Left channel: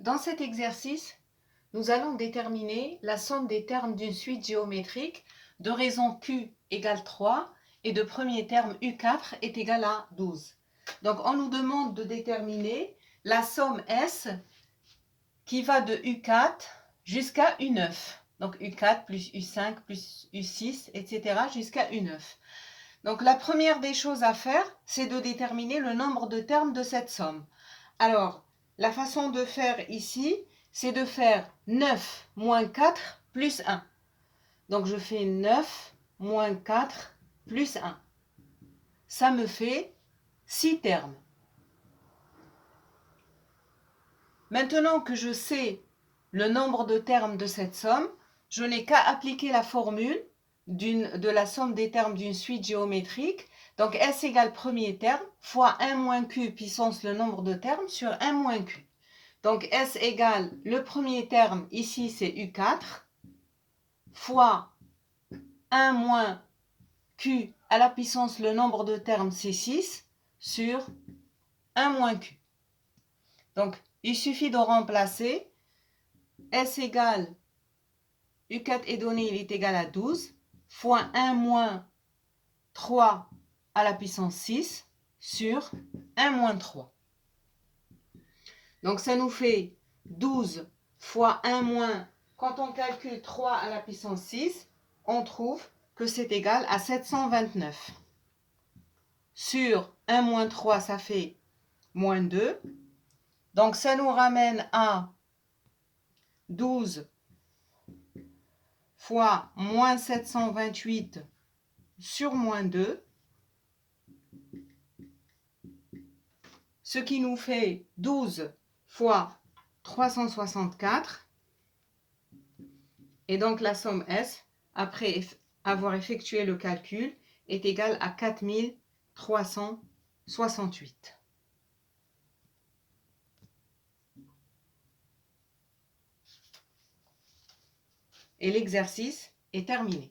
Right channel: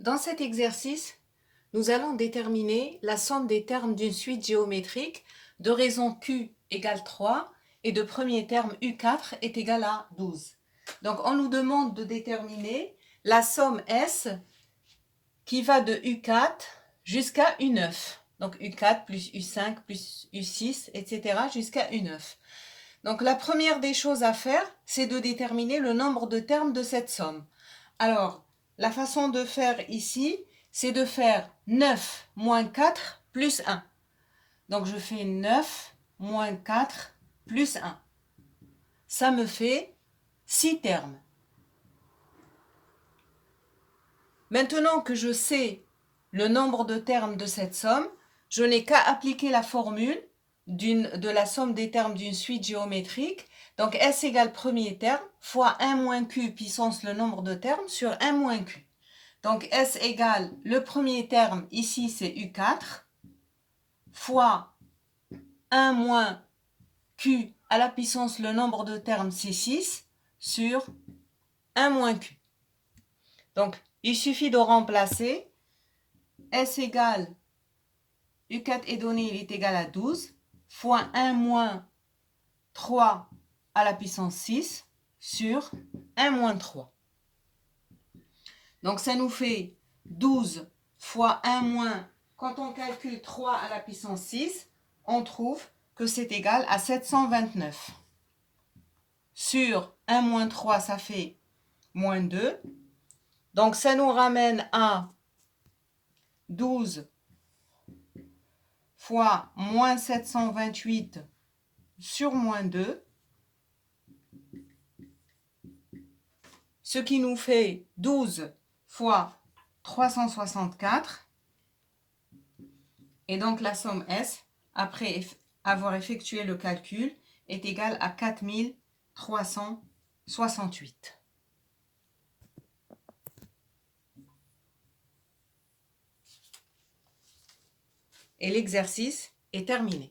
Dans cet exercice, nous allons déterminer la somme des termes d'une suite géométrique de raison Q égale 3 et de premier terme U4 est égal à 12. Donc on nous demande de déterminer la somme S qui va de U4 jusqu'à U9. Donc U4 plus U5 plus U6, etc. jusqu'à U9. Donc la première des choses à faire, c'est de déterminer le nombre de termes de cette somme. Alors, la façon de faire ici, c'est de faire 9 moins 4 plus 1. Donc je fais 9 moins 4 plus 1. Ça me fait 6 termes. Maintenant que je sais le nombre de termes de cette somme, je n'ai qu'à appliquer la formule de la somme des termes d'une suite géométrique. Donc S égale premier terme fois 1 moins Q puissance le nombre de termes sur 1 moins Q. Donc S égale le premier terme, ici c'est U4, fois 1 moins Q à la puissance le nombre de termes c'est 6 sur 1 moins Q. Donc il suffit de remplacer. S égale U4 est donné, il est égal à 12, fois 1 moins 3 à la puissance 6 sur 1 moins 3. Donc ça nous fait 12 fois 1 moins, quand on calcule 3 à la puissance 6, on trouve que c'est égal à 729. Sur 1 moins 3, ça fait moins 2. Donc ça nous ramène à 12 fois moins 728 sur moins 2, ce qui nous fait 12 fois 364. Et donc la somme S, après avoir effectué le calcul, est égale à 4368. Et l'exercice est terminé.